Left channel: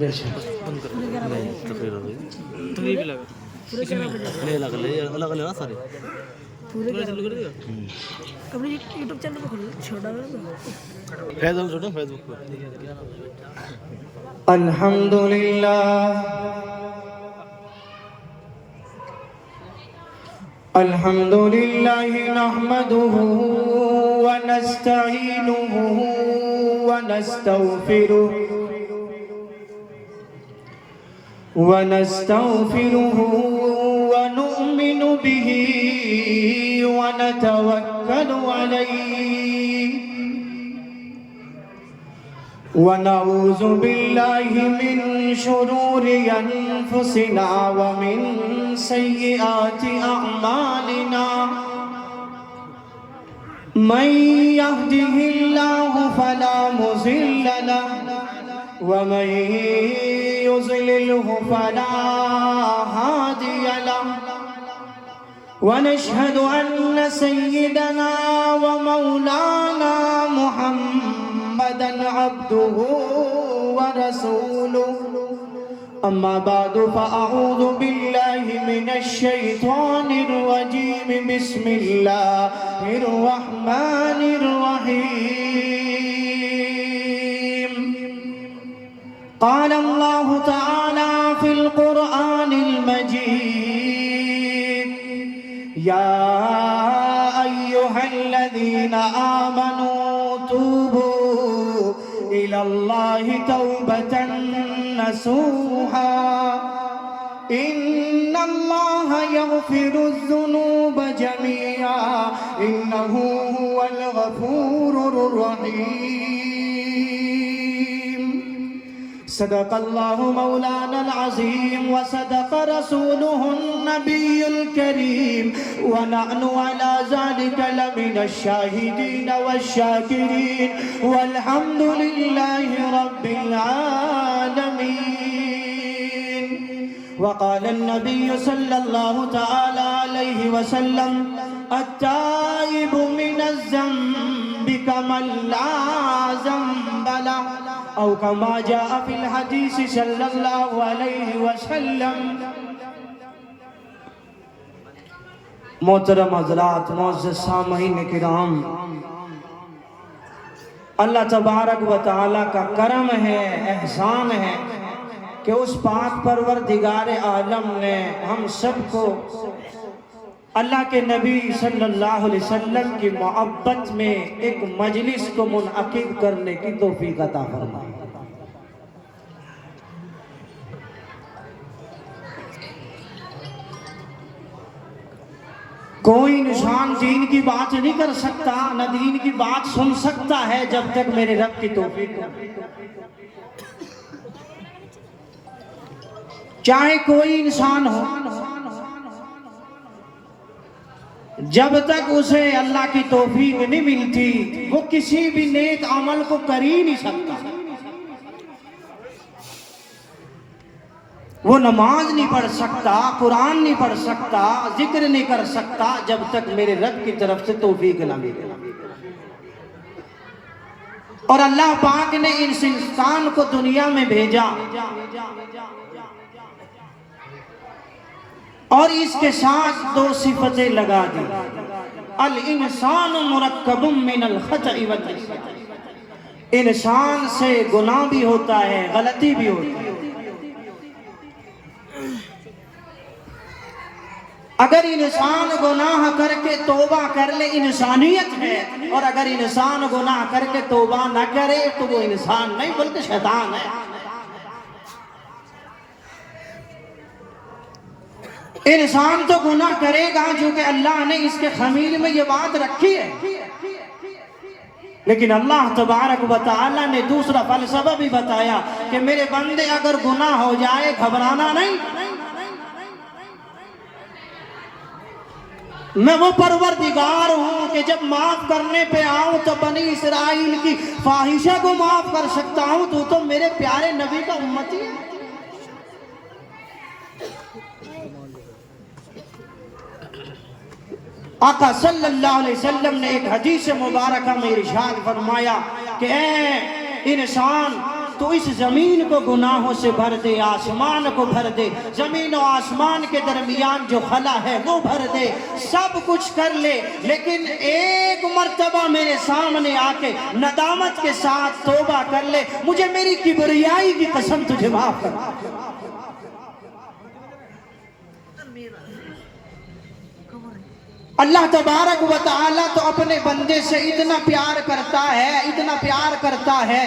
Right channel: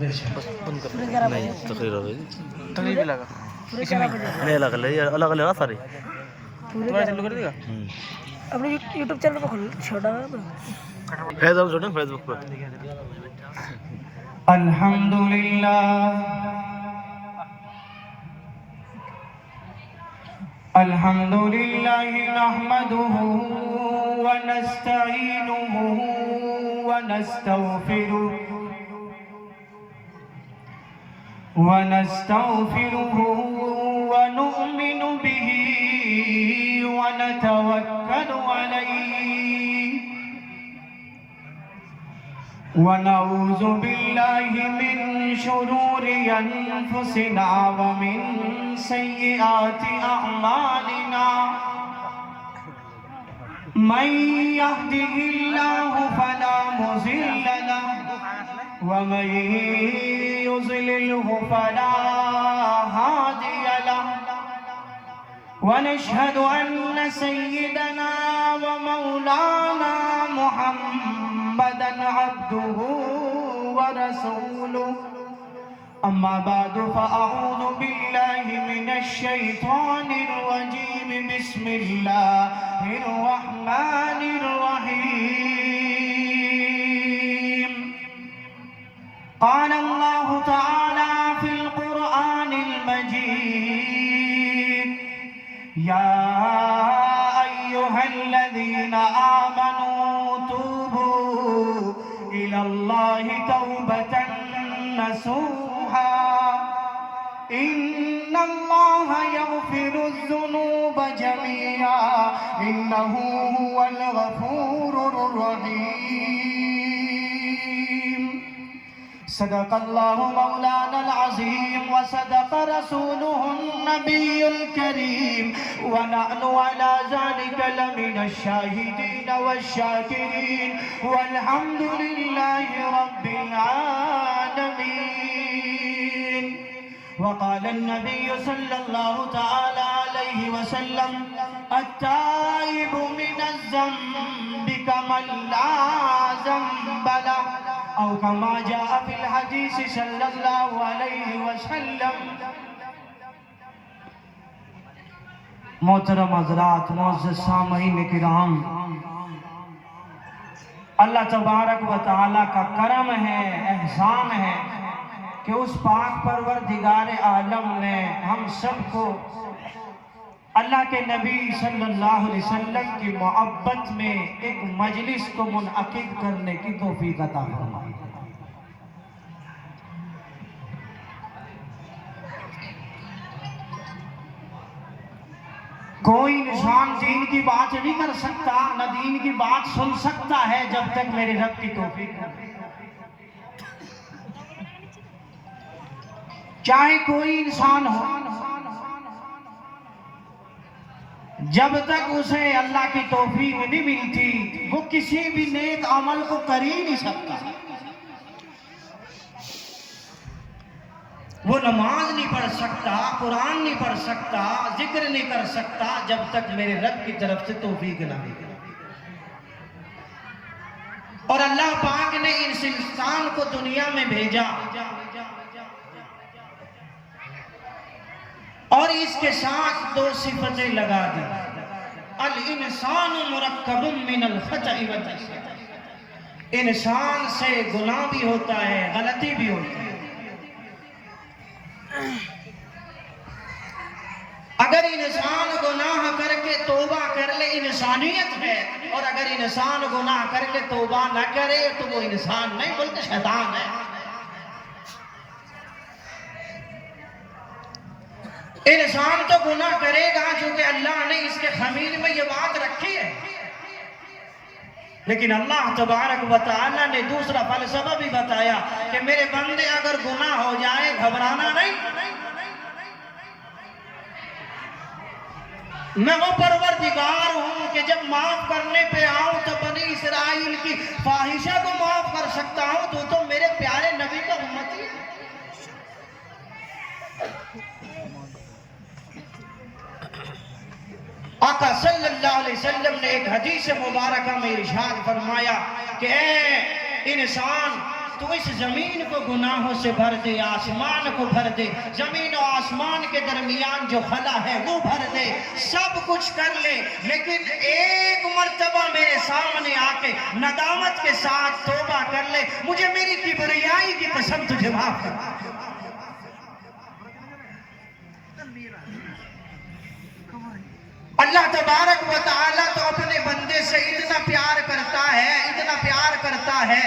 بند کر نہیں تقریر ہو گئی تقریر بھی لگا اسی میں نہیں الگ الگ الگ سارے پورے چالو کر دے گا اپنے یوٹیوب چینل پہ کھولیے چھوٹا فیس بک چھوٹا فیس بک پہ الحمدللہ الحمدللہ نحمده ونستعینه ونستغفره ونؤمن به ونتوكل عليه ونعوذ بالله من شرور أنفسنا ومن سيئات أعمالنا من يهده الله فلا مضل له ومن يضلله فلا هادي له ونشهد أن سيدنا ومولانا محمدا عبده ورسوله أما بعد فأعوذ بالله من الشيطان الرجيم بسم الله الرحمن الرحيم قال الله تعالى في القرآن المجيد يا أيها الذين آمنوا توبوا إلى الله توبة نصوحا إن الله يغفر الذنوب جميعا إنه هو الغفور الرحيم صدق الله مولانا العظيم وصدق رسوله النبي الكريم ونحن على ذلك لمن الشاهدين والشاكرين والحمد لله رب العالمين وقال النبي صلى الله تعالى عليه وسلم التائب من الذنب كمن لا ذنب له أو كما جاء في الحديث صلى الله عليه وسلم. محترم حضرات، معزز سامعین کرام، اللہ تبارک و تعالیٰ کا کرم ہے، احسان ہے کہ اس پاک پروردگار عالم نے ہم سب کو اللہ کے نبی صلی اللہ علیہ وسلم کی محبت میں ایک مجلس کو منعقد کرنے کی توفیق عطا فرمائی. کوئی انسان دین کی بات نہیں کر سکتا، نہ دین کی بات سن سکتا ہے جب تک میرے رب کی توفیق ہو. چاہے کوئی انسان ہو، جب تک اسے اللہ کی توفیق نہیں ملتی وہ کسی بھی نیک عمل کو کر ہی نہیں سکتا. وہ نماز نہیں پڑھ سکتا، قرآن نہیں پڑھ سکتا، ذکر نہیں کر سکتا جب تک میرے رب کی طرف سے توفیق نہ ملے. اور اللہ پاک نے اس انسان کو دنیا میں بھیجا اور اس کے ساتھ دو صفتیں لگا دی. الانسان مرکب من الخطأ والنسیان، انسان سے گناہ بھی ہوتا ہے، غلطی بھی ہوتی ہے. اگر انسان گناہ کر کے توبہ کر لے انسانیت ہے، اور اگر انسان گناہ کر کے توبہ نہ کرے تو وہ انسان نہیں بلکہ شیطان ہے. انسان تو گناہ کرے گا جو کہ اللہ نے اس کے خمیل میں یہ بات رکھی ہے، لیکن اللہ تبارک و تعالی نے دوسرا فلسفہ بھی بتایا کہ میرے بندے اگر گناہ ہو جائے گھبرانا نہیں. میں وہ پروردگار ہوں کہ جب معاف کرنے پہ آؤں تو بنی اسرائیل کی فاحشہ کو معاف کر سکتا ہوں. تو میرے پیارے نبی کا امتی ہے. آقا صلی اللہ علیہ وسلم نے ایک حدیث مبارکہ میں ارشاد فرمایا کہ اے इंसान तो इस जमीन को गुनाहों से भर दे, आसमान को भर दे, जमीन और आसमान के दरमियान जो खला है वो भर दे, सब कुछ कर ले, लेकिन एक मर्तबा मेरे सामने आके नदामत के साथ तौबा कर ले, मुझे मेरी किबरियाई की कसम तुझे माफ कर। अल्लाह तबारक व तआला तो अपने बंदे से इतना प्यार करता है, इतना प्यार करता है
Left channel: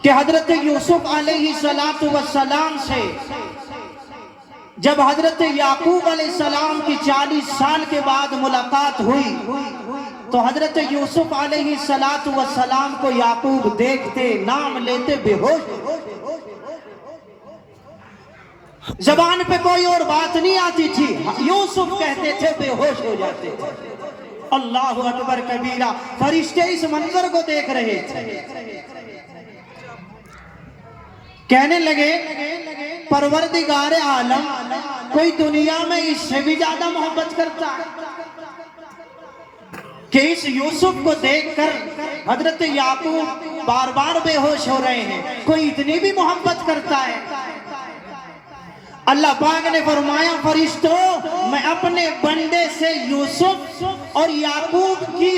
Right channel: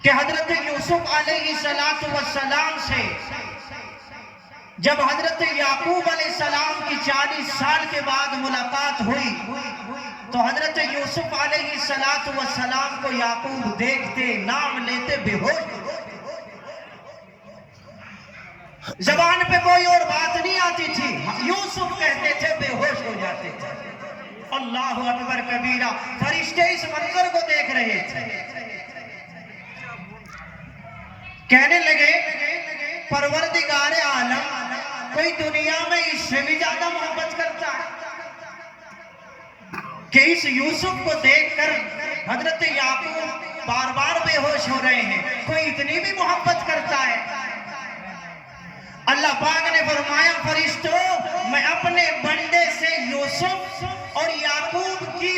कि हजरत यूसुफ अलैहिस्सलातु वस्सलाम से जब हजरत याकूब अलैहिस्सलाम की 40 साल के बाद मुलाकात हुई तो हजरत यूसुफ अलैहिस्सलातु वस्सलाम को याकूब देखते, नाम लेते बेहोश, जबान पे कोई और बात नहीं आती थी, यूसुफ कहते थे, बेहोश हो जाते थे। अल्लाहु अकबर कबीरा। फरिश्ते इस मंजर को देख रहे थे, कहने लगे परवरदिगार आलम, कोई दुनिया में इससे भी ज्यादा मोहब्बत करता है कि इस यूसुफ को देखकर हजरत याकूब बार बार बेहोश हो रहे हैं, कोई इतनी भी मोहब्बत करता है। अल्लाह पाक ने फरमाया, फरिश्तों, मैं अपने बंदे से यूसुफ और याकूब की,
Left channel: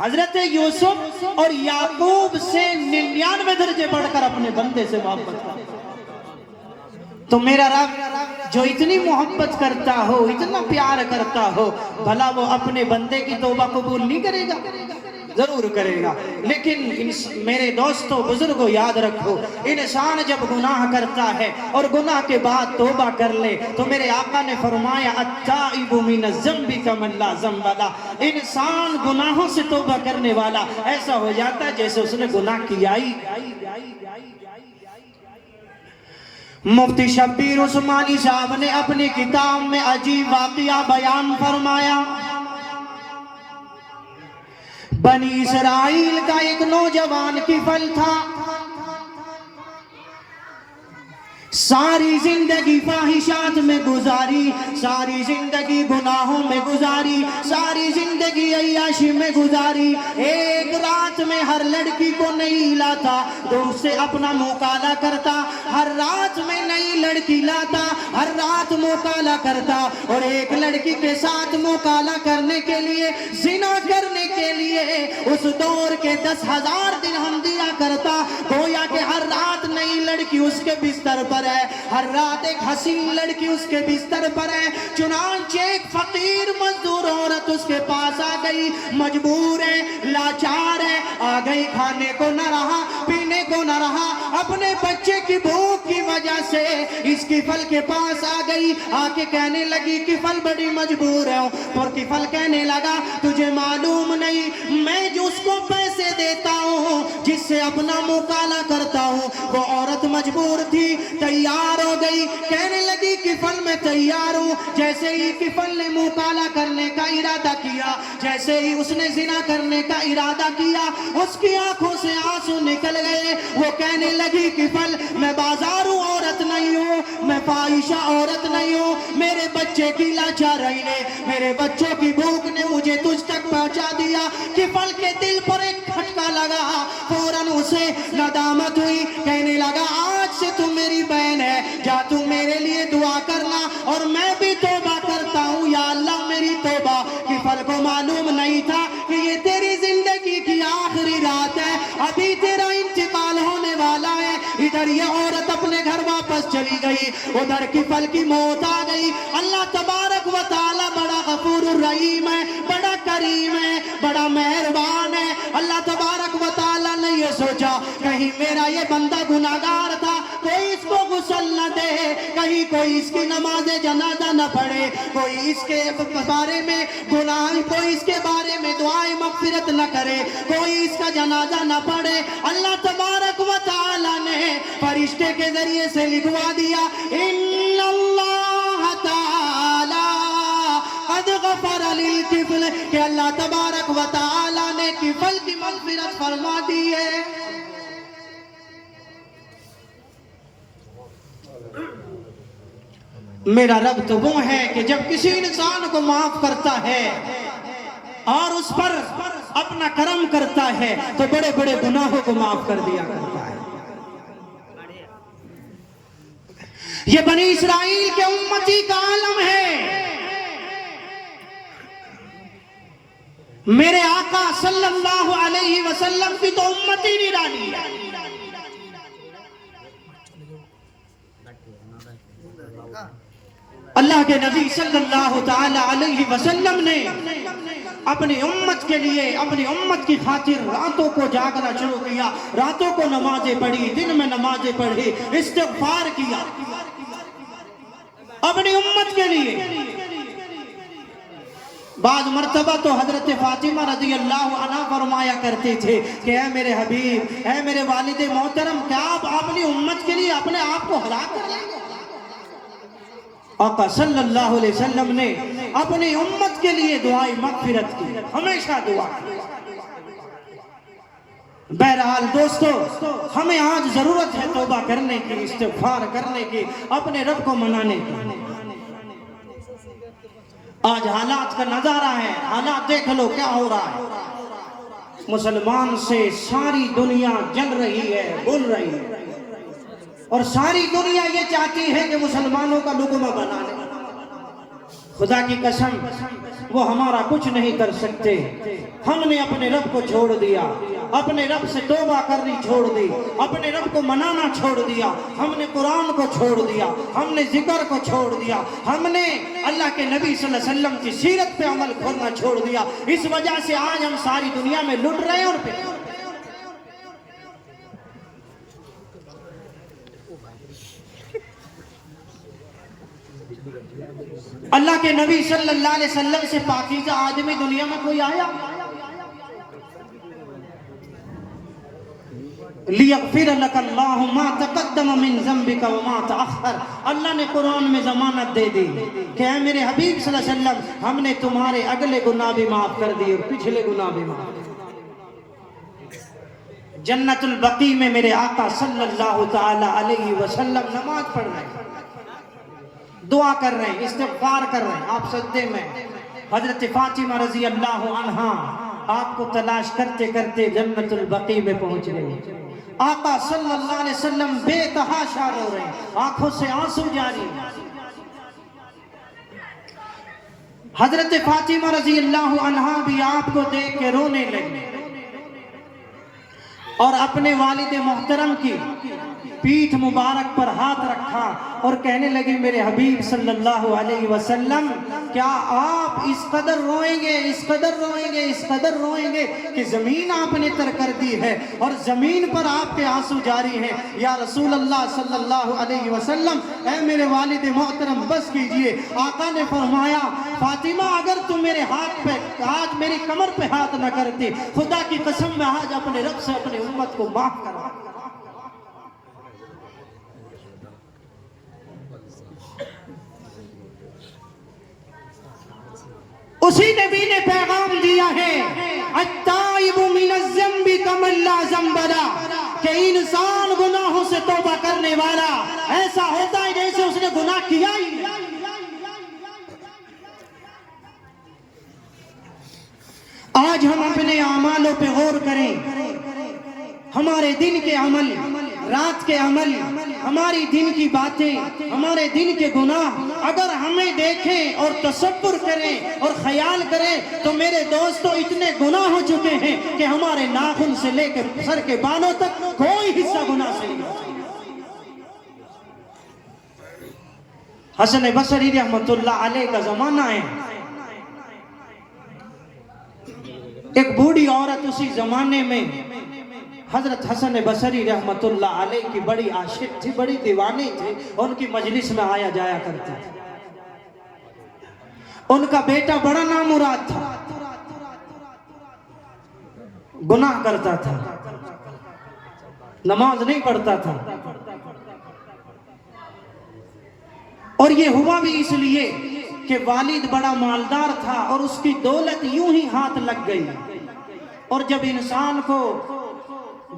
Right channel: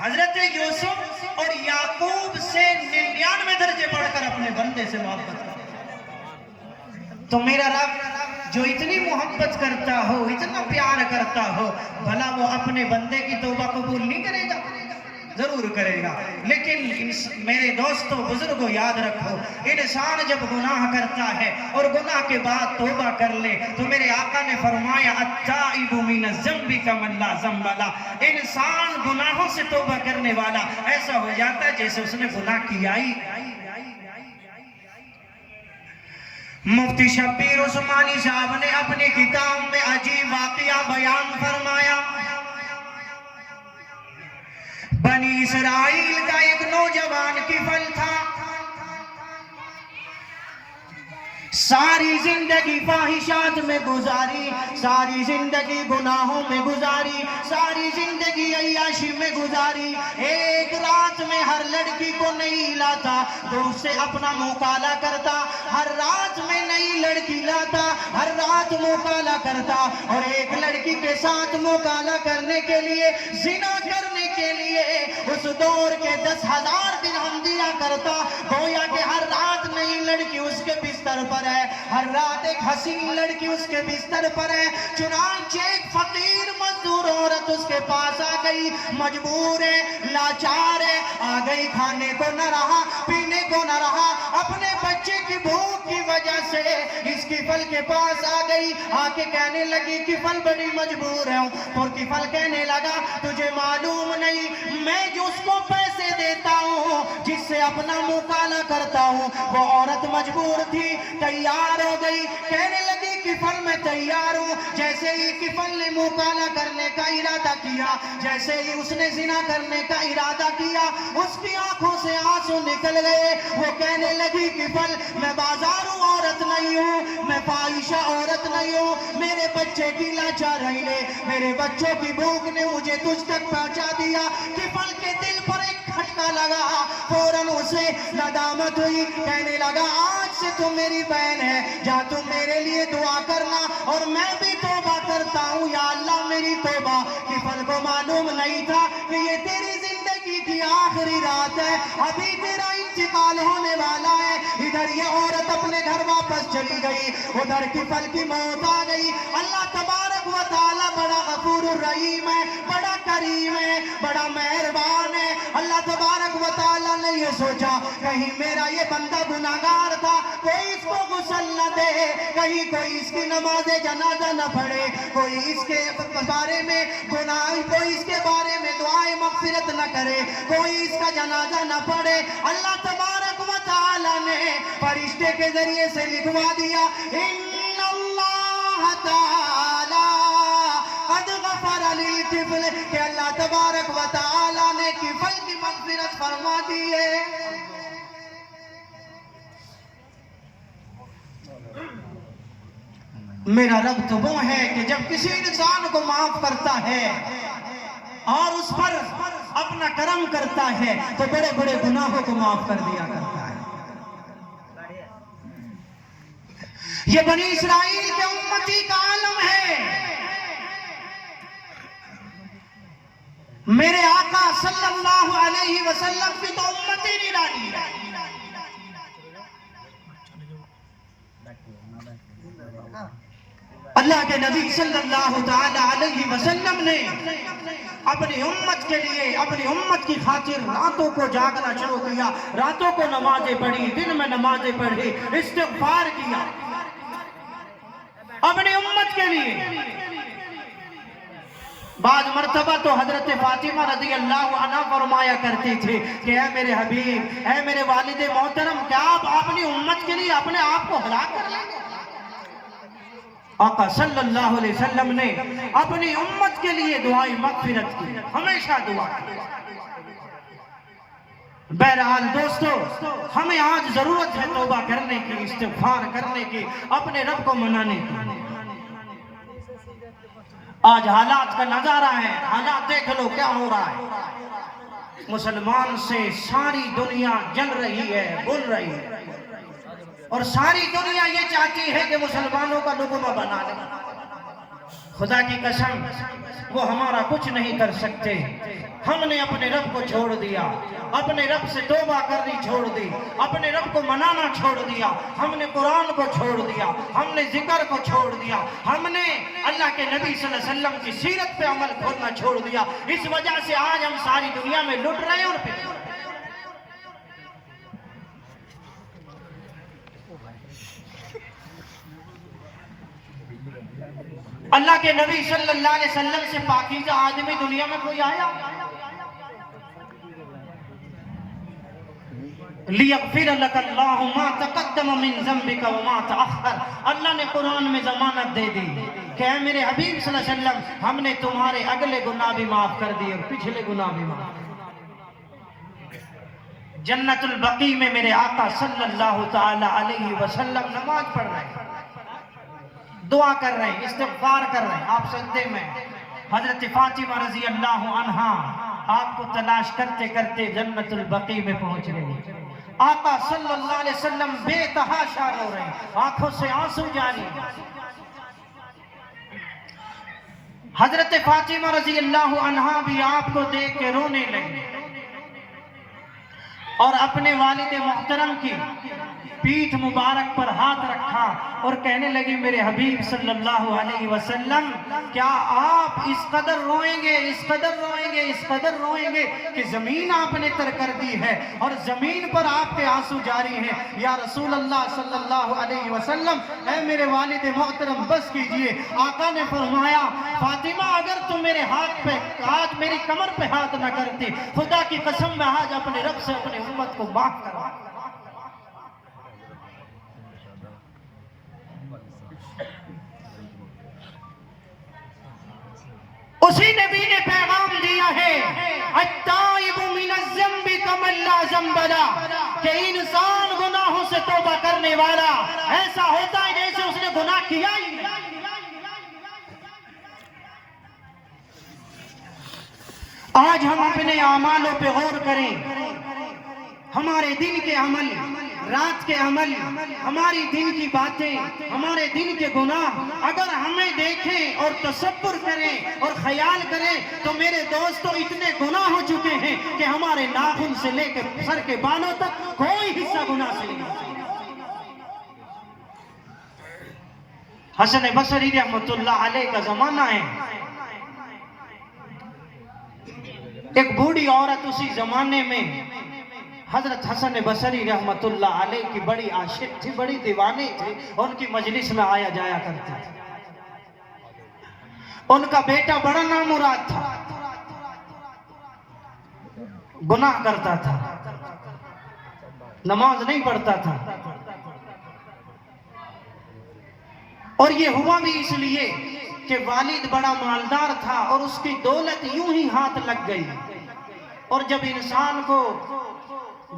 हजरत यूसुफ और याकूब से 99 दर्जे बढ़कर अपने बंदे से मोहब्बत करता। तो मेरा रब जो इतनी मोहब्बत करता हो, इतना प्यार करता हो, भला वो अपने बंदे की तौबा कबूल नहीं करेगा? जरूर करेगा। लेकिन मेरे दोस्तों बुजुर्गों याद रखो, इंसान जब गुनाह करता है और गुनाह के बाद तौबा कर ले तो मेरे आका ने फरमाया, अत्ताइबु मिनज़्ज़म्बि कमन ला ज़म्ब ला। इंसान गुनाहों से तौबा करने वाला ऐसा हो जाता है जैसे उसने गुनाह किया ही। मुफ्ती शब्बीर उस्मानी साहब ने अपनी किताब में अजीब वाक़या बयान फरमाया। बनी इसराइल का एक नौजवान किफल था, सारी जिंदगी ख्वाहिशात में गुजारी, सारी जिंदगी गुनाहों में गुजारी, सारी जिंदगी अय्याशी में गुजारी। एक रात में हर लड़की को नहीं लाता, दूर से अपना मुकाला करता, हर रात में नई लड़की लाता, हर रात मुकाला करता, और एक लड़की के साथ मुकाला करने के लिए, जिना करने के लिए उस दौर के 10,000 दिरहम दिया करता। गोया कि हर रात नई लड़की उसके बिस्तर पर है, हर रात एक हसीन लड़की उसके बिस्तर पर है। चुनांचे एक फकीर मजदूर औरत उसके पास आ गई, मजबूर है, लाचार है, आ गई, खाने को न रहा, पीने को न रहा, अपने बच्चे की भूख की वजह से इस किफल के पास आ गई। आके कहने लगी, किफल बड़ी मजबूर है। और किफल कहने लगा, तुझे मालूम नहीं, मैं जो उसको पैसे देता हूँ, जिससे अपना मुकाला करता हूँ, वो औरत मजबूर थी, तैयार हो गई, कहने लगी किफल मैं तैयार हूँ। जैसे ही किफल ने मुकाला करने का इरादा किया, जैसे ही उसने जिना करने का इरादा किया, उसकी आंखों से आंसू निकल गए। वो कहने लगी, किफल मैं बाजारू औरत नहीं हूँ, मैं फाहिशा औरत नहीं हूँ, मेरे बच्चे की लाचारी ने, मेरे बच्चों की भूख ने मुझे तुझ तक पहुँचा दिया। किफल के दिल पर एक खटका लगा, फौरन उसे नदामत हुई, कहने लगा, आज से तू मेरी बहन है, जा तू मेरे लिए दुआ करना और मैं भी तौबा करता हूँ, या अल्लाह मेरी तौबा। किफल को मालूम नहीं था कि ये तेरी जिंदगी की आखिरी रात है, अभी तेरा इंतकाल होने वाला है। इधर ये औरत अपने घर वापस चली गई, उधर किफल की मौत आ गई। अल्लाह तबारक व तआला बड़ा गफूर रहीम है, बड़ा करीम है, बड़ा मेहरबान है। अल्लाह तबारक व तआला ने ये सोचा, कहीं मेरा ये बंदा गुनाहगार था, कोई इसको गुस्ल न दे, कहीं कोई इसकी नमाज़े जनाजा न पढ़े, कोई इसके बारे में गुनाह, कोई इसके बारे में दुआए मग़फ़िरत न करे, कोई इसका जनाजा न पढ़े। अल्लाह तबारक व तआला ने फरिश्ते के जरिए से लिखवा दिया, इन्नल्लाह तआला क़द ग़फ़र लिल किफ़ल, कि अल्लाह तबारक व तआला ने किफ़ल की मग़फ़िरत फरमा दी है। मेरा रब तो वो है कि जब किसी इंसान को माफ करता है اور اس پر اپنا کرم کرتا ہے تو بڑے بڑے گناہوں کو معاف کر دیا کرتا ہے۔ یہ بنی اسرائیل کے امتی کا عالم ہے۔ میرے آقا صلی اللہ علیہ وسلم کی تو امتی نرالی ہے۔ اللہ کے نبی صلی اللہ تعالی علیہ وسلم نے اپنی امت کے لیے، اپنی امت کی خاطر راتوں کو جاگنا شروع کیا، راتوں کو نمازیں پڑھی، دن میں نمازیں پڑھی، استغفار کیا اپنی امت کے لیے۔ بعض مرتبہ تو حضرت فاطمہ رضی اللہ عنہ فرمایا کرتے تھے کہ اے میرے حبیب، اے میرے والد محترم، کیا آپ اپنی امت کے لیے اپنے آپ کو ہلاک کر لیں گے؟ آقا صلی اللہ علیہ وسلم نے اپنی امت کے لیے دعائیں مغفرت کی، ہمیشہ دعا کی۔ بہرحال دوستو، ہمیں آج ضرورت ہے توبہ کرنے کی، استغفار کرنے کی، اپنے رب کو منانے کی۔ آج حالات کا نظارہ ہے، حالات دیکھ لو کیا ہو رہا ہے۔ مسلمان سے ساری دنیا جل رہی ہے، بول رہی ہے، اور ساری دنیا یہ چاہتی ہے کہ مسلمانوں کا لقمہ بنا لے۔ خدا کی قسم وہ ہمارا کچھ نہیں کر سکتے۔ ہم نے اپنے رب کو چھوڑ دیا، اپنے رب سے توبہ کرنی چھوڑ دی، اپنے رب کو منانا چھوڑ دیا، ہم نے قرآن کو چھوڑ دیا، ہم نے ذکر کو چھوڑ دیا، ہم نے اللہ کے نبی صلی اللہ علیہ وسلم کی سیرت پہ عمل کرنا چھوڑ دیا۔ اس وجہ سے آج ہم ساری دنیا میں لٹ رہے ہیں اور پھر اللہ کے نبی صلی اللہ علیہ وسلم سے پاکیزہ آدمی دنیا میں کوئی آیا؟ لِيَغْفِرَ لَكَ اللَّهُ مَا تَقَدَّمَ مِن ذَنْبِكَ وَمَا تَأَخَّرَ۔ اللہ نے قرآن میں ضمانت دے دی کہ اے میرے حبیب صلی اللہ علیہ وسلم، ہم نے تمہارے اگلے گناہ بھی معاف کر دیے اور پچھلے گناہ بھی معاف کر دیے۔ جنت البقیع میں میرے آقا صلی اللہ تعالی علیہ وسلم نماز پڑھ رہے ہیں، دعا کر رہے ہیں، استغفار کر رہے ہیں۔ آپ سجدے میں، حضرت فاطمہ رضی اللہ عنہا آپ کو تلاش کرتے کرتے جنت البقیع میں پہنچ گئے۔ آقا صلی اللہ علیہ وسلم بے تحاشا رو رہے ہیں، آنکھوں سے آنسو جاری۔ حضرت فاطمہ رضی اللہ عنہا بھی آپ کو دیکھ کے رونے لگی اور اپنے والد محترم کی پیٹھ مبارک پر ہاتھ رکھا اور کہنے لگی میرے حبیب صلی اللہ علیہ وسلم، کیا آپ اس قدر روئیں گے، اس قدر روئیں گے، اس قدر روئیں گے کہ زمین آپ نے تر کر دی ہے اور زمین پر آپ کے آنسو جاری ہیں؟ یا رسول اللہ صلی اللہ علیہ وسلم، اے میرے والد محترم بس کیجئے۔ آقا نے فرمایا فاطمہ اگر تم میرے ہاتھ پہ آج میری کمر پہ ہاتھ نہ کرتے، خدا کی قسم میں آج اپنے رب سے اپنے امت کو معاف کرا۔ اسی نبی نے پیغام دیا ہے التائب من الذنب کمن لا ذنب لہ، کہ انسان گناہوں سے توبہ کرنے والا ایسا ہوتا ہے جیسے اس نے گناہ کیا ہی نہیں۔ آج ہم اپنے اعمالوں پہ غور کریں، ہمارے دن کے عمل، رات کے عمل، ہماری دن کی باتیں، ہمارے دن کے گناہ اگر ہمیں دیکھیں اور تصور کریں اور خیال کریں تو میرے دوستو اتنے گناہ ہو چکے ہیں کہ ہمارے ناخن سے لے کے سر کے بالوں تک کوئی حصہ گناہ سے نہیں۔ حسن بصری رحمت اللہ علیہ کا زمانہ ہے، ایک بوڑھی عورت اسی زمانے میں حضرت حسن بصری رحمت اللہ علیہ کی بڑی عاشق تھی، بڑی دیوانی تھی، ان کی مجلس میں آیا جایا کرتی تھی۔ ان کا بیٹا بڑا نامراد تھا، گناہ کرتا تھا، نماز نہیں پڑھتا تھا، اور یہ ہوا بھی اس لیے کہ والد بڑا مالدار تھا اور اس کی دولت یوں ہی ہاتھ لگ گئی، اور جب انسان کو،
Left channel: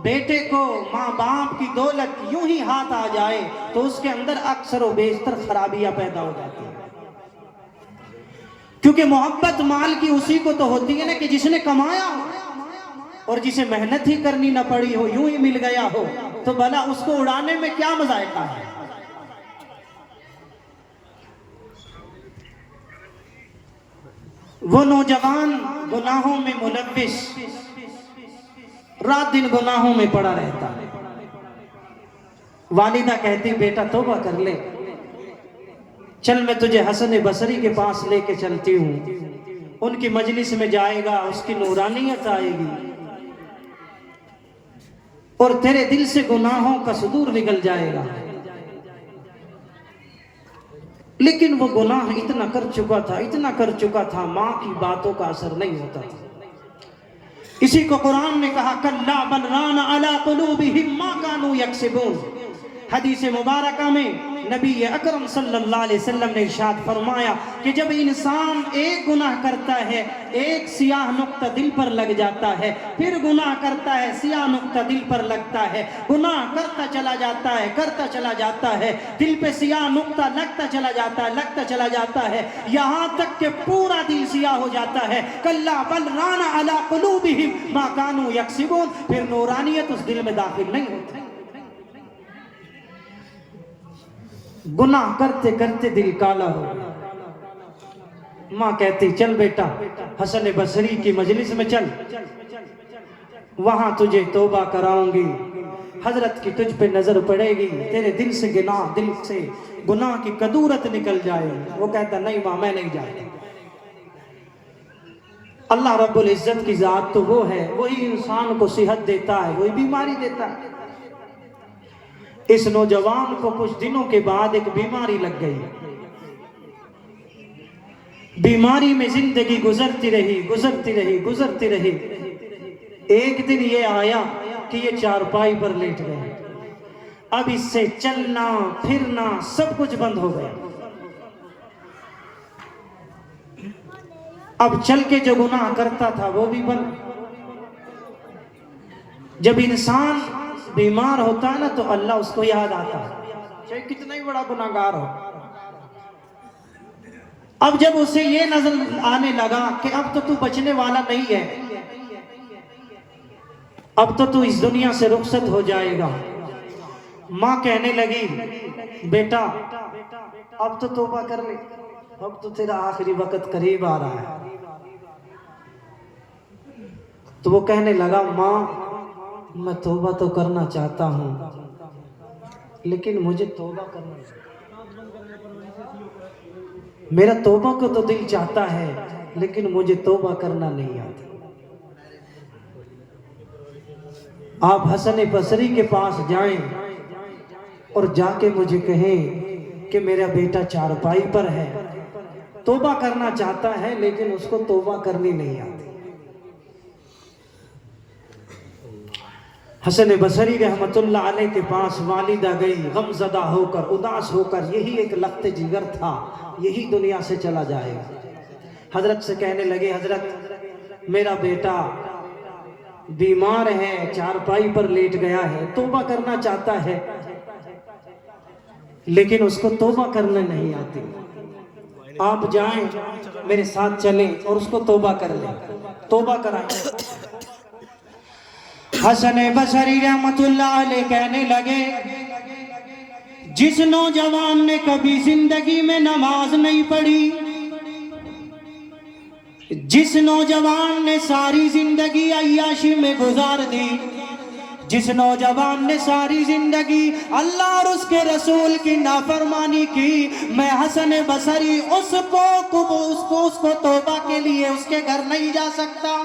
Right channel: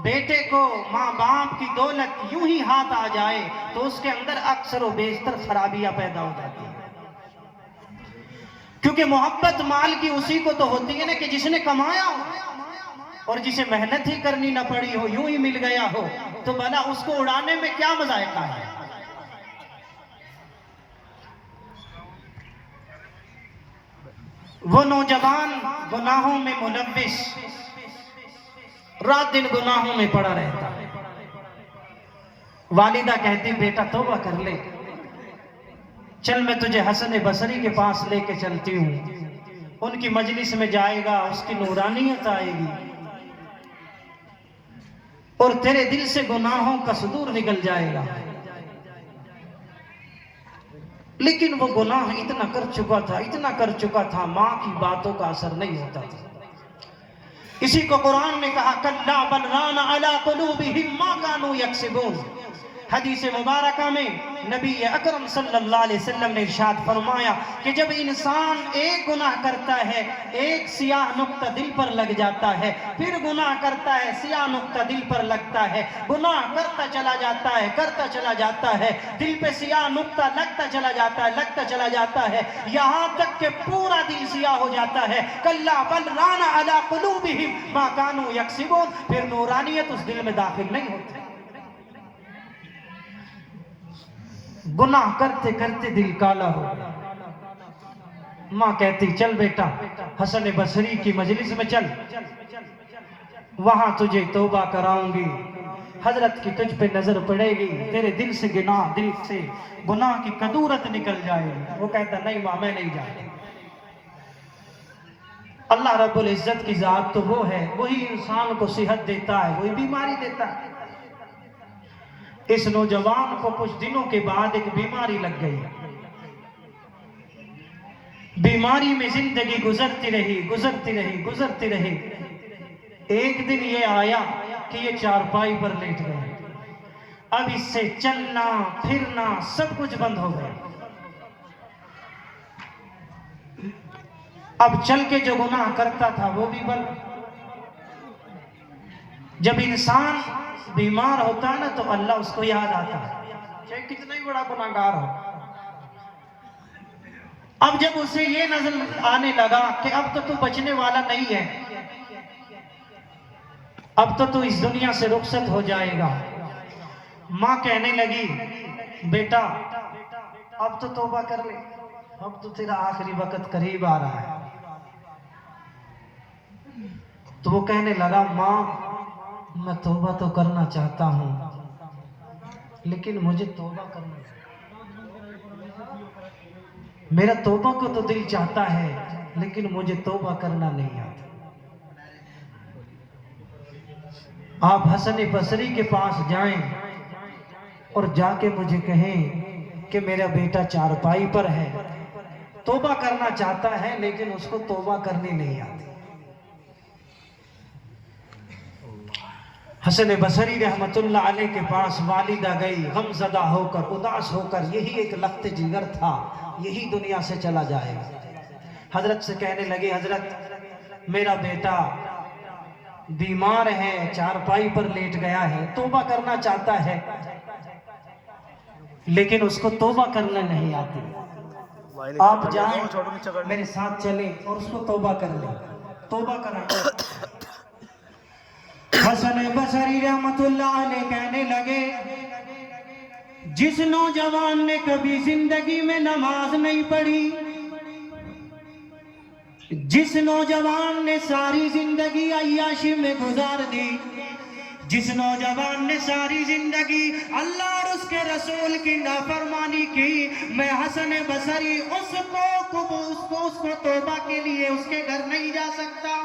بیٹے کو، ماں باپ کی دولت یوں ہی ہاتھ آ جائے تو اس کے اندر اکثر و بیشتر خرابیاں پیدا ہو جاتی ہیں۔ کیونکہ محبت مال کی اسی کو تو ہوتی ہے نا کہ جس نے کمایا ہو اور جسے محنت ہی کرنی نہ پڑی ہو، یوں ہی مل گیا ہو، تو بھلا اس کو اڑانے میں کیا مذائقہ ہے؟ وہ نوجوان گناہوں میں ملوث رات دن گناہوں میں پڑا رہتا ہے۔ والدہ کہتی بیٹا توبہ کر لے، چل میں تجھے حسن بصری کے پاس لے کے چلتی ہوں، ان کی مجلس میں جائے گا، اس کی نورانیت آئے گی اور تیرے دل سے گناہوں کا صدور نکل جائے گا۔ لیکن وہ گناہ اتنا کر چکا تھا، ماں کی باتوں کا اثر نہیں ہوتا تھا۔ اسی کو قرآن نے کہا کلا بل ران علی قلوبہم ما کانوا یکسبون۔ حدیث مبارکہ میں نبی اکرم صلی اللہ علیہ وسلم نے ارشاد فرمایا کہ جب انسان ایک گناہ کرتا ہے، ایک سیاہ نقطہ دل پر لگ جاتا ہے، پھر گناہ کرتا ہے، سیاہ نقطہ دل پر لگتا ہے، گناہ کرتا چلا جاتا ہے، دل پہ سیاہ نقطہ لگتا چلا جاتا ہے، یہاں تک کہ پورا دل سیاہ ہو جاتا ہے۔ کلا بل ران علی قلوبہم ما کانوا یکسبون، پھر نورانیت اس دل میں داخل نہیں ہوتی۔ گناہ کرتے کرتے دل کالا ہو گیا۔ ماں کہتی چل بیٹا حسن بصری کی مجلس میں چل، وہاں تجھے توبہ کراؤں گی، حضرت کی تجھ پہ نظر پڑے گی، تیرے دل سے گناہ کی کدورت نکل جائے گی۔ وہ کہتا نہیں ماں میں نہیں جاتا۔ اللہ رب العزت کی ذات تو وہ ہے، وہی انسان کو صحت دیتا ہے، وہی بیماری دیتا ہے۔ اس نوجوان کو کچھ دنوں کے بعد ایک بیماری لگ گئی، بیماری میں زندگی گزرتی رہی۔ ایک دن یہ آیا کہ یہ چارپائی پر لیٹ گئے، اب اس سے چلنا پھرنا سب کچھ بند ہو گیا۔ اب چل کے جو گناہ کرتا تھا وہ بھی بند۔ جب انسان بیمار ہوتا ہے نا تو اللہ اس کو یاد آتا ہے، چاہے کتنا ہی بڑا گناہگار ہو۔ اب جب اسے یہ نظر آنے لگا کہ اب تو بچنے والا نہیں ہے، اب تو اس دنیا سے رخصت ہو جائے گا، ماں کہنے لگی بیٹا اب تو توبہ کر لے، اب تو تیرا آخری وقت قریب آ رہا ہے۔ تو وہ کہنے لگا ماں میں توبہ تو کرنا چاہتا ہوں لیکن مجھے توبہ کرنا میرا توبہ کو تو دل چاہتا ہے لیکن مجھے توبہ کرنا نہیں آتا۔ آپ حسن بصری کے پاس جائیں اور جا کے مجھے کہیں کہ میرا بیٹا چارپائی پر ہے، توبہ کرنا چاہتا ہے لیکن اس کو توبہ کرنی نہیں آتی۔ حسن بصری رحمت اللہ علیہ کے پاس والدہ گئی، غم زدہ ہو کر، اداس ہو کر، یہی ایک لخت جگر تھا، یہی دنیا سے چلا جائے گا۔ حضرت سے کہنے لگے حضرت میرا بیٹا بیمار ہے، چارپائی پر لیٹ گیا ہے، توبہ کرنا چاہتا ہے لیکن اس کو توبہ کرنے نہیں آتی، آپ جائیں میرے ساتھ چلیں اور اس کو توبہ کر لیں، توبہ کرائیں۔ حسن بصری رحمت اللہ علیہ کہنے لگے جس نوجوان نے کبھی زندگی میں نماز نہیں پڑھی، جس نوجوان نے ساری زندگی عیاشی میں گزار دی، جس نوجوان نے ساری زندگی اللہ اور اس کے رسول کی نافرمانی کی، میں حسن بصری اس کو توبہ کے لیے اس کے گھر نہیں جا سکتا۔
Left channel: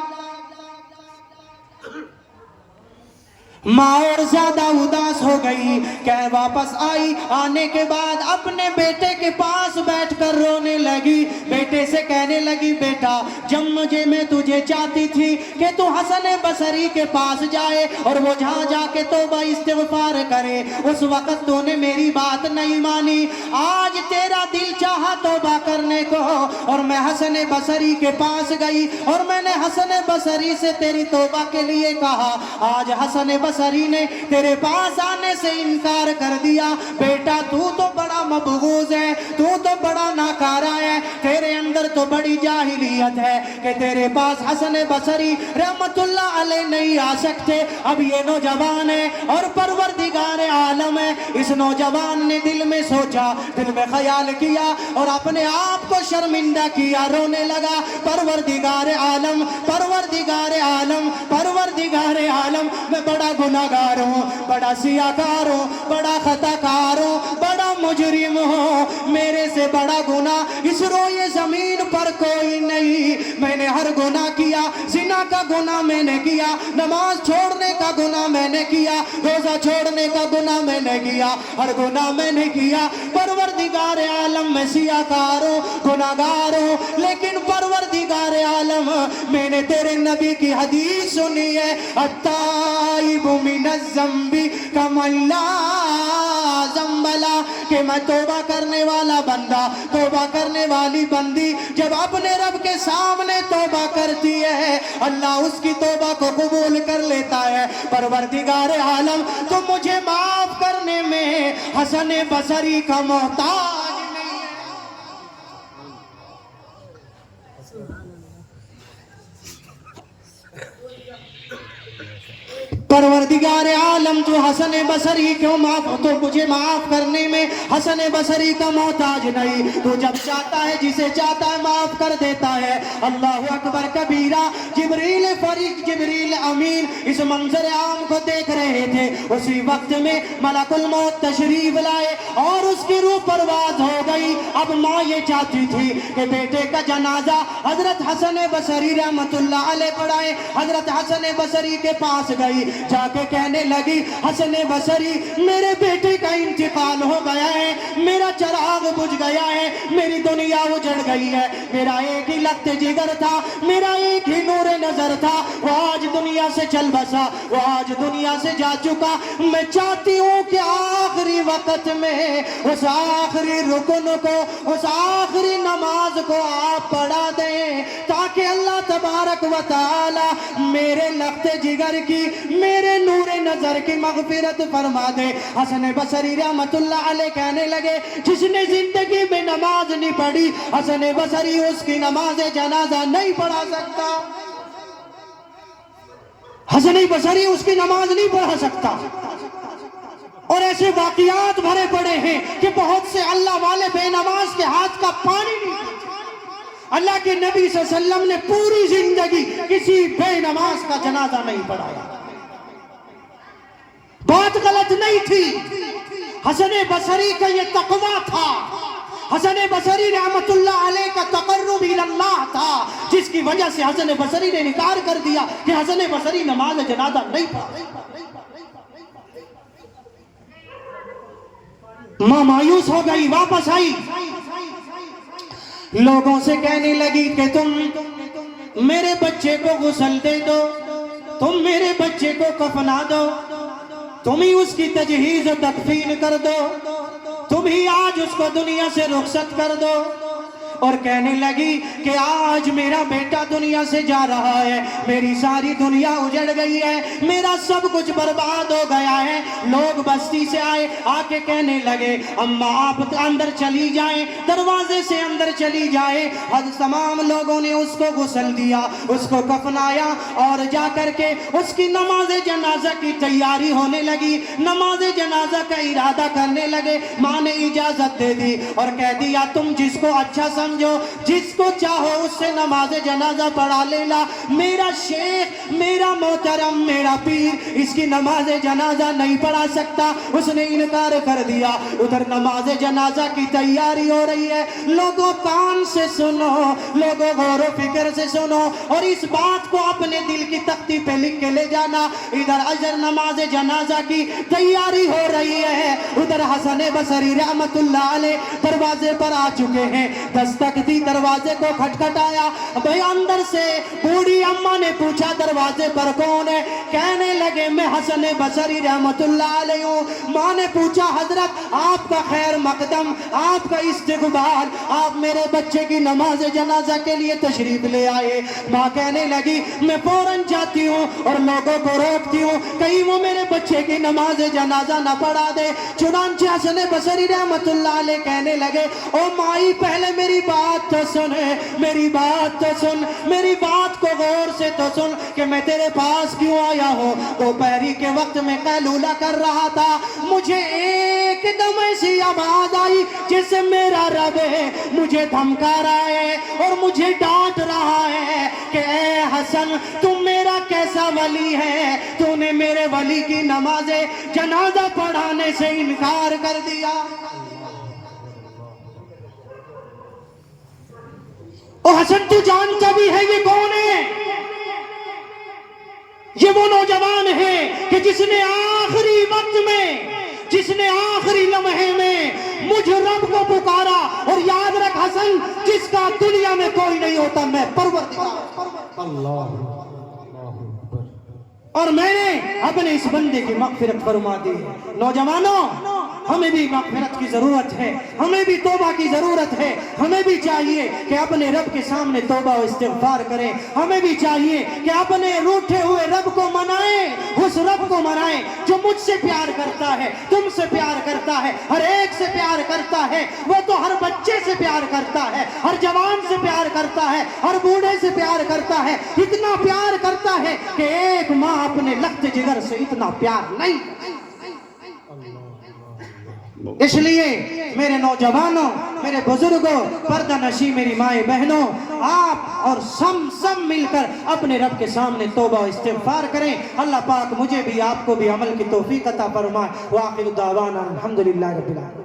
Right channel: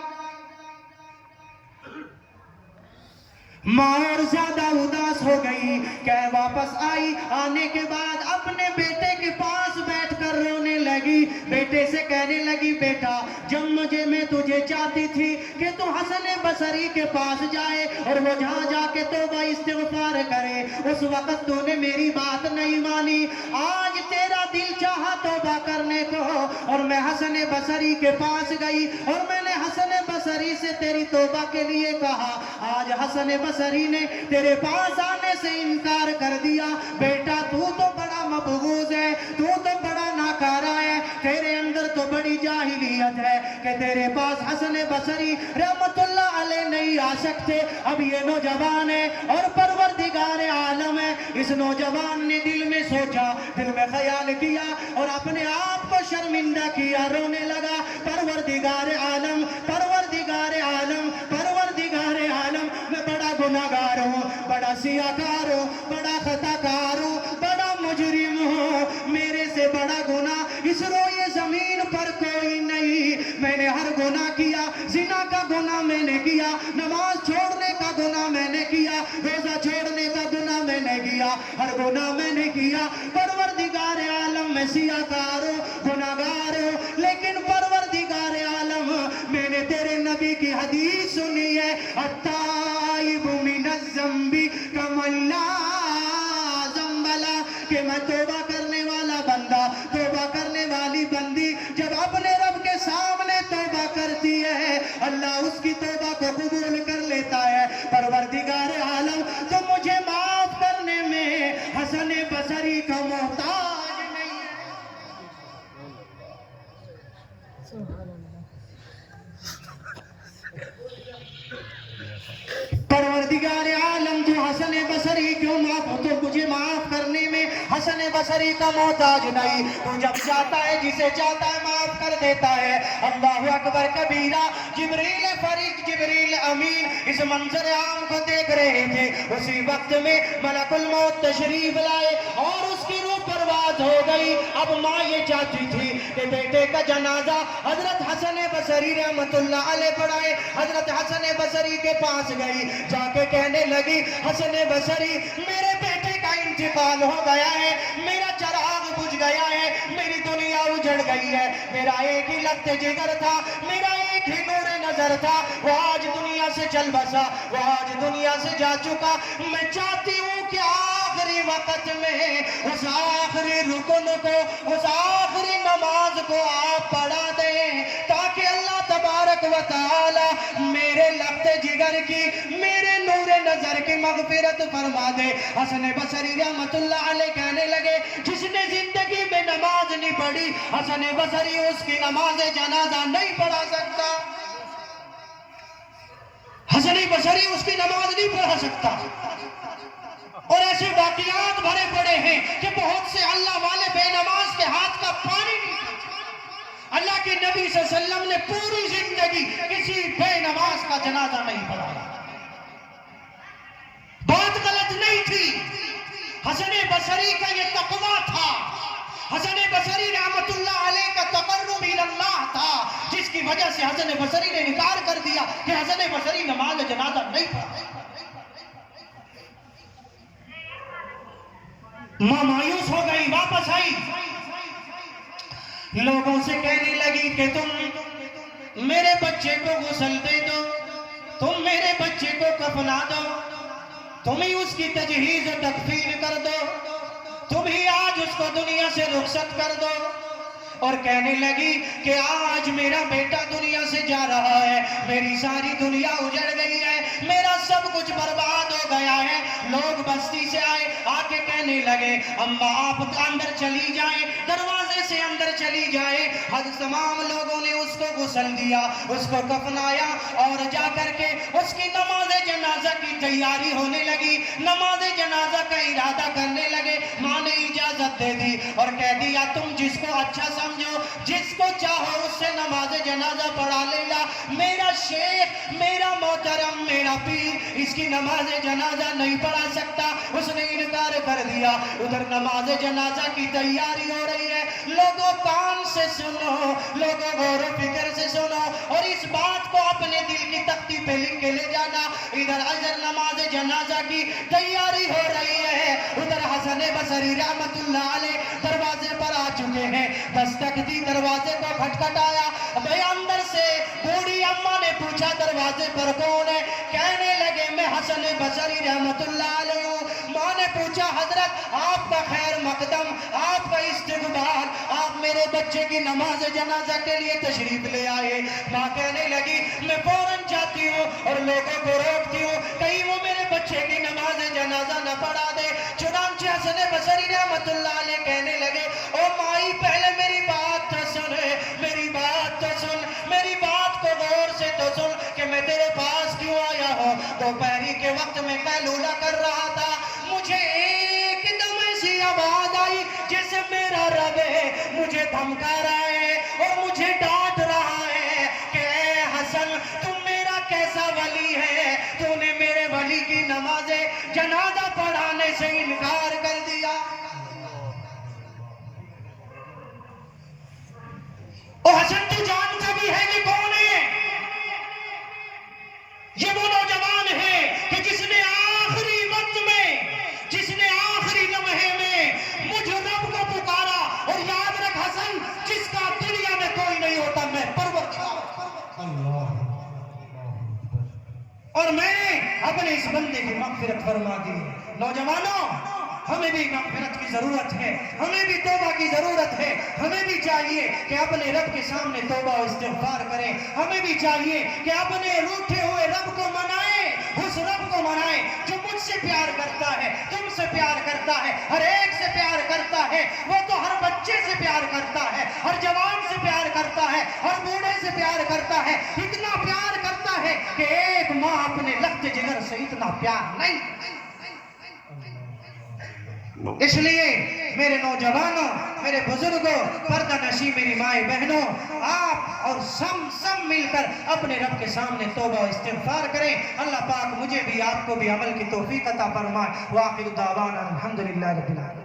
ماں اور زیادہ اداس ہو گئی، کہ واپس آئی، آنے کے بعد اپنے بیٹے کے پاس بیٹھ کر رونے لگی، بیٹے سے کہنے لگی بیٹا جب میں تجھے چاہتی تھی کہ تو حسن بصری کے پاس جائے اور وہ جہاں جا کے توبہ استغفار کرے، اس وقت تو نے میری بات نہیں مانی، آج تیرا دل چاہا توبہ کرنے کو اور میں حسن بصری کے پاس گئی اور میں نے حسن بصری سے تیری توبہ کے لیے کہا، آج حسن बसरी ने तेरे पास आने से इनकार कर दिया। बेटा तू तो बड़ा मबगूज है, तू तो बड़ा नाकारा है, तेरे अंदर तो बड़ी जाहिलियत है कि तेरे पास हसन बसरी रहमतुल्लाह अलैह नहीं आ सकते। अब ये नौजवान है और परवरदिगार आलम है। इस नौजवान ने दिल में सोचा, दिल में ख्याल किया और अपने आप को शर्मिंदा किया, रोने लगा। परवरदिगार आलम, परवरदिगार आलम, परवरदिगार आलम, मैं बड़ा गुनाहगार हूँ, बड़ा सियाकार हूँ, बड़ा खताकार हूँ, बड़ा मुजरिम हूँ। मेरे से बड़ा गुनाह इस रोए जमीन पर कोई नहीं। मैंने हर गुनाह किया, जिना का गुनाह मैंने किया, नमाज छोड़ने का गुनाह मैंने किया, रोजा छोड़ने का गुनाह मैंने किया, हर गुनाह मैंने किया। परवरदिगार आलम मैं सियाकार हूँ, गुनाहगार हूँ, लेकिन परवरदिगार आलम मैंने तेरे नबी की हदीस सुनी है, अत्ताइबु मिनज़ ज़ंबी कमल्ला ज़ंबला, कि मैं तौबा करने वाला बंदा, तौबा करने वाली बंदी जब अपने रब के सामने तौबा करती है, अल्लाह उसकी तौबा को कबूल कर लेता है। परवरदिगार आलम तो मुझे माफ करने में हसन बसरी का मोहताज नहीं है। परवरदिगार आलम तो हसन बसरी क्यों माफ, तो मुझे माफ करने में हसन बसरी का मोहताज नहीं। तो जब चाहता है, जिसे चाहता है माफ कर देता है। अल्लाह अकबर कबीरा। जिब्रील फरीक, जिब्रील अमीन इस मंजर आम को देख रहे थे। उसी वक्त में मलकुल मौत तशरीफ लाए और उसकी रूह परवाज हो गई। अब माँ ये चाहती थी कि बेटे का जनाजा हजरत हसन बसरी रहमतुल्लाह अलैह पढ़ाए। हजरत हसन बसरी के पास गई, जाके कहने लगी, हसन बसरी मेरे बेटे का इंतकाल हो गया है, मेरा चिराग बुझ गया है, मेरी दुनिया उजड़ गई है। मेरा एक ही लख्त जिगर था, मेरा एक ही नूर नजर था, वो आज दुनिया से चल बसा, वो आज दुनिया से जा चुका। मैं चाहती हूँ कि आखिरी वक्त में उस आखिरी रुकन को, उस आखिरी नमाज को आप पढ़ा दें, ताकि अल्लाह तबारक व तआला मेरे लख्त जिगर की, मेरे नूर नजर की मगफिरत फरमा दे। हसन बसरी रहमतुल्लाह अलैह कहने लगे, जिसने जिंदगी में नमाज नहीं पढ़ी, हसन बसरी उसकी नमाज जनाजा नहीं पढ़ा सकता। हसन बसरी उसकी नमाज नहीं पढ़ा सकता। और ऐसे वाकियात भरे पड़े हैं कि बहुत से अल्लाह वाले बेनमाज के हाथ का पानी नहीं पीते। अल्लाह के नबी सल्लल्लाहु अलैहि वसल्लम ने पूरी जिंदगी किसी बेनमाज का जनाजा नहीं पढ़ाया। बात गलत नहीं थी, हसन बसरी का ये तकवा था। हसन बसरी रहमतुल्लाह अलैह का तकर्रुब इल्लाह था, जिसकी वजह से हसन बसरी ने इनकार कर दिया कि हसन बसरी नमाज जनाजा नहीं पढ़ा। मां मायूस हो गई, वापस आई, लोगों से कहने लगी कि तुम मेरे बच्चे को गुस्ल दे दो, तुम मेरे बच्चे को कफना दो, तुम ही उसकी तजहीज और तकफीन कर दो, तुम ही आज उसको दुनिया से रुखसत कर दो। और कहने लगी कि आज मेरा बेटा दुनिया से जा रहा है, मेरी सारी दुनिया उजड़ गई है, मेरा सब कुछ बर्बाद हो गया है। लोग बस्ती से आए, आके कहने लगे, अम्मा आप अंदर चली जाएं, दरवाजे से अंदर चली जाए। हज तमाम लोगों ने उसको गुस्ल दिया, उसको कफनाया और जा करके उसकी नमाज जनाजा की तैयारी होने लगी। नमाज जनाजा का इरादा करने लगे। माँ ने इजाजत दे दी और कह दिया, तुम जिसको अच्छा समझो, जिसको चाहो उससे नमाज जनाजा पढ़ा लेना। मेरा शेख, मेरा मोहतरम, मेरा पीर इसकी नमाज जनाजा नहीं पढ़ा सकता। उसने इनकार कर दिया। उधर नमाज जनाजा की तैयारी हो रही है। लोगों कान से सुनो, लोगों गौर फिक्र से सुनो और इस बात को अपने दिल की तख्ती पे लिख के ले जाना। इधर अजर नमाज जनाजा की तैयारी हो रही है, उधर हसन बसरी रहमतुल्लाह अलैह दरवाजे पर आ चुके हैं। दस्तक दी, दरवाजे को खटखटाया। भाई अंदर से बूढ़ी अम्मा ने पूछा दरवाजे पर कौन है? कहने लगे मैं हसन बसरी रहमतुल्लाह अलैह हूं। माँ ने पूछा हजरत आपका खैर मकदम, आपका इस्तकबाल, आप मेरे बच्चे की नमाज जनाजा के लिए तशरीफ ले आए। माँ कहने लगी मैं फौरन जाती हूँ और लोगों को रोकती हूँ कहीं वो मेरे बच्चे की नमाज जनाजा न पढ़ा दे। चुनांचे हसन बसरी रहमतुल्लाह अलैह कहने लगे ओ माई पहले मेरी बात तो सुन, मेरी बात तो सुन, मेरी बात को गौर से तो सुन कि मैं तेरे पास क्यों आया हूँ। दोपहरी के वक्त में कैलूला कर रहा था, मुझे एकदम ऐसी आवाज आई जैसे मेरा रब है मुझे धमका रहा है और मुझे डांट रहा है कि ए हसन तुम मेरा कैसा वली है, तूने मेरे वली की नमाज़े जनाजा पढ़ाने से इनकार कर दिया। ओ हसन तू जानता भी है ये कौन है? ये वो नौजवान है कि जिसने आखिरी वक्त में, जिसने आखिरी लम्हे में मुझ रब को पुकारा। और याद रख हसन जिसका दुनिया में कोई नहीं होता मैं परवरदिगार अल्लाह, और मैंने अपने इस बंदे की मग़फ़िरत फरमा दी है। नौजवानों हमें भी मग़फ़िरत की ज़रूरत है, हमें भी तौबा की ज़रूरत है। हमें भी चाहिए कि अपने रब के सामने तौबा और इस्तिग़फ़ार करें। हमें भी चाहिए कि अपने रूठे हुए रब को मनाएं, उस रब को मनाएं जो मुझसे प्यार करता है, तुमसे प्यार करता है, हर एक से प्यार करता है। वो तो हर बच्चे से प्यार करता है, हर जवान से प्यार करता है, हर बूढ़े से प्यार करता है। इतना प्यार करता है कि एक माँ अपने लख्त जिगर से इतना प्यार नहीं। इसलिए मेरे नौजवानों, मेरे बुजुर्गों, पर्दा नशी मेरी माएँ बहनों, आप और सब मिलकर अपने रब के सामने तौबा और इस्तिग़फ़ार करें। अल्लाह पाक मुझे भी आपको भी अमल की तौफीक अता फरमाए। व आखिर दावाना अल्हम्दुलिल्लाहि रब्बिल आलमीन।